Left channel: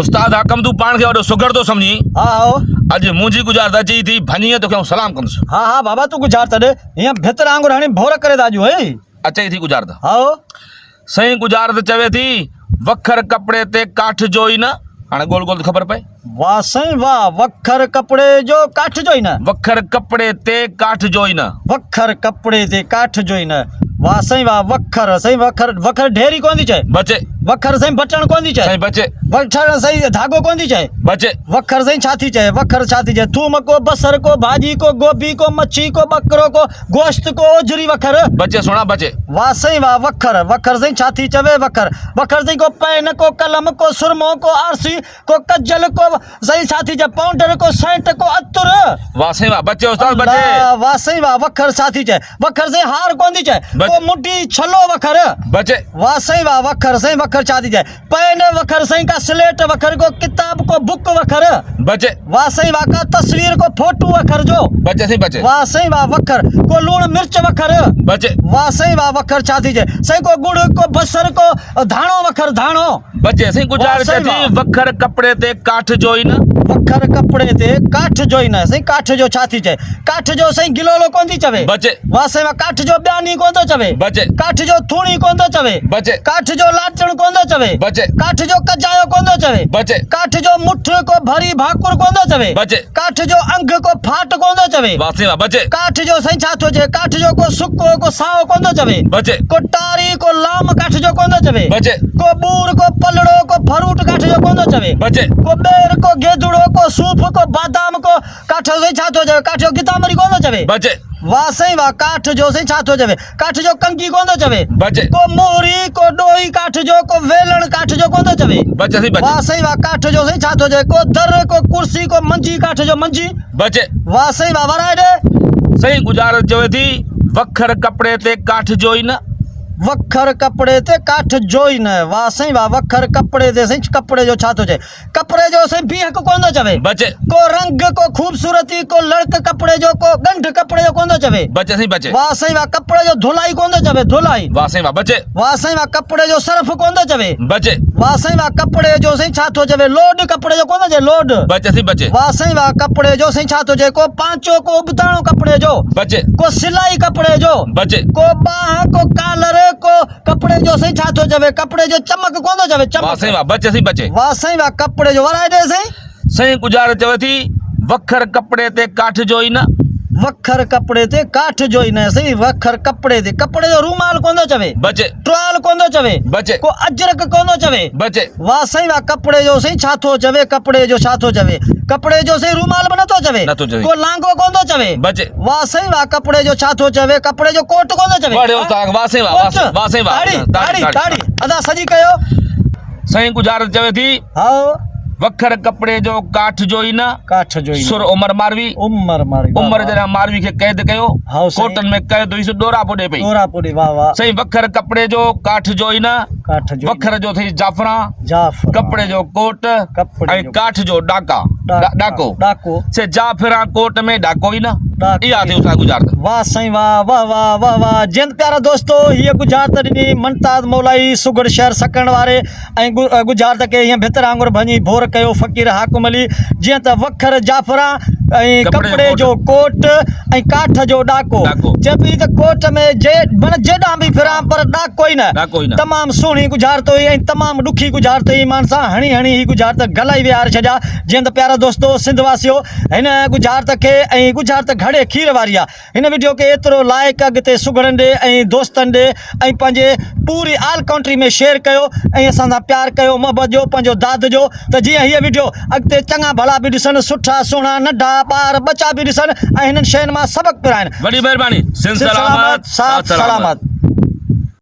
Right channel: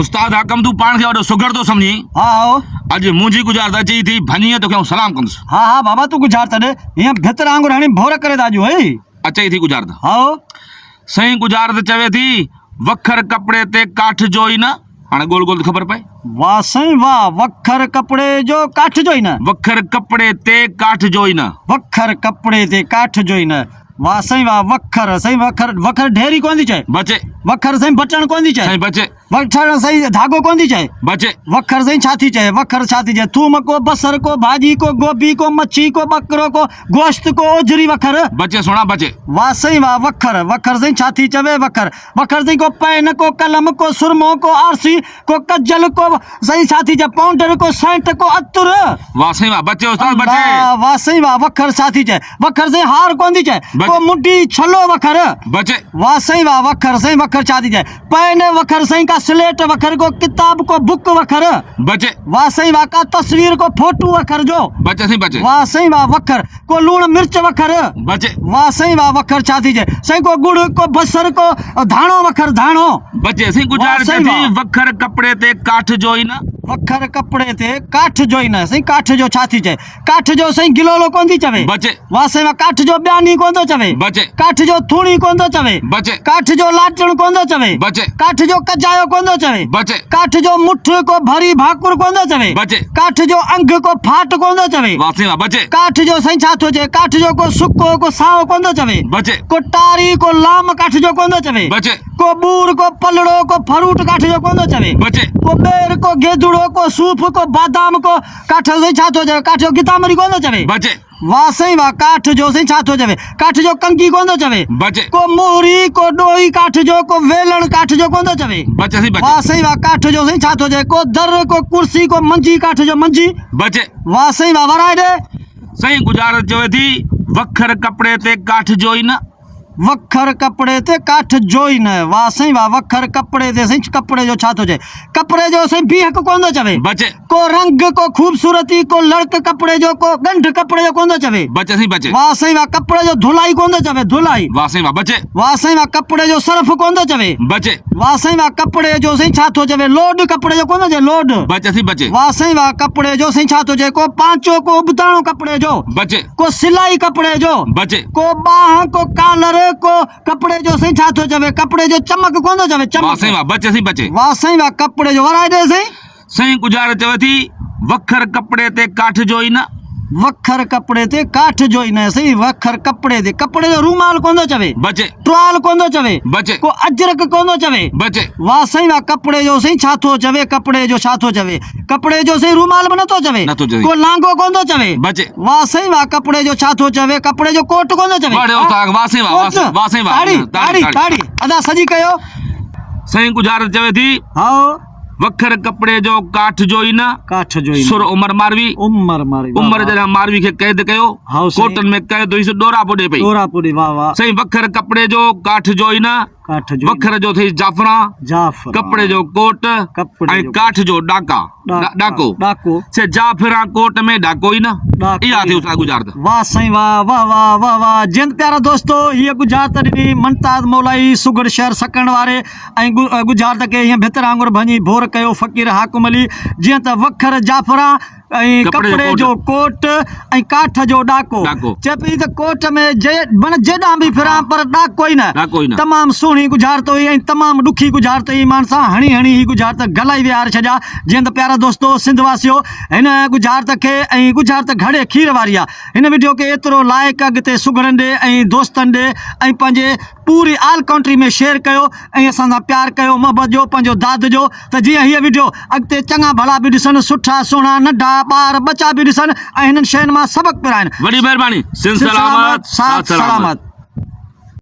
उस्ताद हाकम तू पान के वॾो सुगर तो समझी। हाँ अॼु मुंहिंजी गुज़ारत चई थी भञीअ तोखे सलाम कंदुसि। हाँ हाँ बाबा तू गुजार तॾे हीअं भितर आंगुर हणी भोर करे दाजू है अचई थी गुज़ारत। हाँ सही गुज़ारत चवे थी वखर कपिड़े ते काठ जो ई न। हाणे गोल गोल ख़बर पए। वाह साईं वाह वखर कपड़े जो काठ जो ही न। वखर कपिड़े ते काठ जो ई न। वखर कपड़े ते काठ जो ही न। वाह साईं वाह वखर साईं वखर वखर ढेरी कोन थी चए बचे। वखर साईं बटण कोन थी चए साईं बचे। वखर साईं धागो कोन थी चए बचे। वखर साईं छा थी चए वखर छा थी चए थूम को बसर को भाजी को गोभी को मच्छी को बकरो को गोश्त को ओजरी वखर बचे सोना बचे। वाह साईं वाह वखर वखर साईं छा थी चवे वखर वखर साईं को पेन को कलम को सुरमो को आरसी को कज्जल को साईं छा थी चए पाउडर को सेंट को अतुर। वाह साईं वाह बचे उस्ताद बचे। वाह साईं वाह वखर छा थी चए वखर साईं हार कोन थी चए को मुंडी छलो वखर बचे। वाह साईं वाह वखर साईं वखर छा थी चए पेन वखर साईं का स्लेट वखर को किताब को बुक वखर बचे। वाह साईं वाह का तस्वीर को फोटो वखर जो बचे साईं बचे। वाह साईं वाह वखर को लूण मिर्च वखर बचे। वाह साईं वाह वखर छा थी चए साईं को गुड़ को बसर को धाणो वखर धाणो बचे। साईं गुज़ारत थी वखर कपिड़े ते काठ जो ई न। वखर कपड़े ते काठ जो ही न साईं काठ जो छा थी चए काठ जो साईं गिलोलो कोन थी चवे बचे। वाह साईं वाह काठ जो ॿियानी कोन थो चवे बचे। काठ जो थूणी कोन थो चवे बचे। काठ जो लाचण कोन थो चवे बचे। काठ जो कजायो कोन थो चवे बचे। काठ जो मुठ को भरी भाकुर कोन थो चवे बचे। काठ जो अंग को फाट कोन थो चवे वाह साईं वाह बचे। काठ जो साईं छा थो चए काठ जो को सुको को साओ कोन थो चवे बचे। को टारी को लाम काठ जो कोन थो चवे बचे। को बूर को पलड़ो को फरूट काठ जो कोन थो चवे बचे। को बेर को गेदुड़ो को सूफ को बादाम को काठ जो छा थो चवे काठ जो गितामरी कोन थो चवे बचे। वाह साईं वाह काठ जो साईं छा थो चवे काठ जो कंगी कोन थो चवे बचे। को मोहरी को डोई काठ जो को वेलण काठ जो कोन थो चवे बचे साईं बचे। वाह साईं वाह काठ जो साईं छा थो चवे को दर को कुर्सी को मंजी काठ जो मंजी बचे। वाह साईं वाह वराए ॾे सही गुज़ारत चवे थी वखर कपिड़े ते काठ जो ई न। वखर कपड़े ते काठ जो ही न। वाह साईं वाह वखर कपड़े ते साईं कपड़े जो छा थो चए कपड़े जो साईं बीहक कोन थो चवे बचे। को रंग को खूबसूरती को लड़क कपड़े जो को गंढ कपड़े जो कोन थो चवे बचे साईं बचे। वाह साईं वाह कपड़े जो धुलाई कोन थो चवे धुलाई वाह साईं वाह बचे। वाह साईं वाह कपड़े जो सर्फ कोन थो चवे बचे। वाह साईं वाह कपड़े जो साईं छा थो चवे लोड कपड़े जो कोन थो चवे लोड बचे साईं बचे। वाह साईं वाह कपड़े जो साईं छा थो चए को पांचो को उबताणो कपड़े जो बचे। को सिलाई कपड़े जो बचे। को बाह को कालर को कपड़े जो साईं छा थो चवे कपड़े जो चमक कोन थो चवे वाह साईं चमक वाह बचे साईं बचे। वाह साईं वाह कपड़े जो वराए ॾे साईं सही गुज़ारत चवे थी वखर कपिड़े ते काठ जो ई न। वखर कपड़े ते काठ जो ही न साईं वखर कपड़े ते कपड़े जो रूमाल कोन थो चवे बचे। टुवाल कोन थो चवे बचे। को अजरक कोन थो चवे बचे। वाह साईं वाह कपड़े जो साईं छा थो चवे कपड़े जो छा थो चवे कपड़े जो साईं रूमाल बि नथो चवे नथो चवे। को लांगो कोन थो चवे बचे। वाह साईं वाह कपड़े जो छा थो चवे कपड़े जो कोट कोन थो चवे वाह साईं वाह वाह साईं वाह ताड़ी ताड़ी ताड़ी अदा सजी कयो सही गुज़ारत चवे थी हाँ वखर कपिड़े जो काठ जो ई न। काठ जो ही सुर उमर मारवी उमर मारी उमर जॾहिं मारवी खे कैद कयो हाँ साईं। कोटन में कैद हुई ॾोरा पोॾे पई। डोरा पूरी वाह वाह सही वखर कपिड़े जो काठ जो ई न। काठ जो वखर जो थी जाफरा जाफ कपिड़े जो कोट कपिड़े ऐं जो काठ जो डाका डाको डाको से जाफरा कोट में डाको ई न। डाको इहा थी उसा गुज़ारत। वाह साईं वाह वाह वाह वाह वाह जिंद प्यारा दोस्तो हीअ गुज़ारत ॾिनी मुमताज़ मौलाई सुगड़ शहर सकण वारे ऐं गुज़ारत खे हीअं भितर आंगुर भञी भोर कयो फ़क़ीर हाकुम अली जीअं त वखर जाफरा ऐं कपिड़े जो कोट ऐं काठ जो डाको चए पई त कोट में माना जेॾां बि फिरां पर डाको ई न तमामु सुहिणी गुज़ारत हुई ऐं तमामु ॾुखी गुज़ारत हुई मान सां हणी हणी ही गुज़ारत गलाए विहारे छॾिया जीअं त प्यारा दोस्तो सिंध वासियो हिन गुज़ारत खे ऐं गुज़ारत घणे खीर वारी आहे हिन वीडियो खे एतिरो लाइक अॻिते सुगड़नि ॾे ऐं दोस्तनि ॾे ऐं पंहिंजे पूरी ऑल कंट्री में शेयर कयो ऐं असां सां प्यार कयो मोहबत जो पंहिंजो दाद जो त जीअं हीअ वीडियो अॻिते चङा भला बि ॾिसनि सुठा सुहिणा नंढा ॿार बचा बि ॾिसनि ऐं हिननि शयुनि मां सबक़ पिराइनि। वॾी महिरबानी। सलामत साथ सलामत।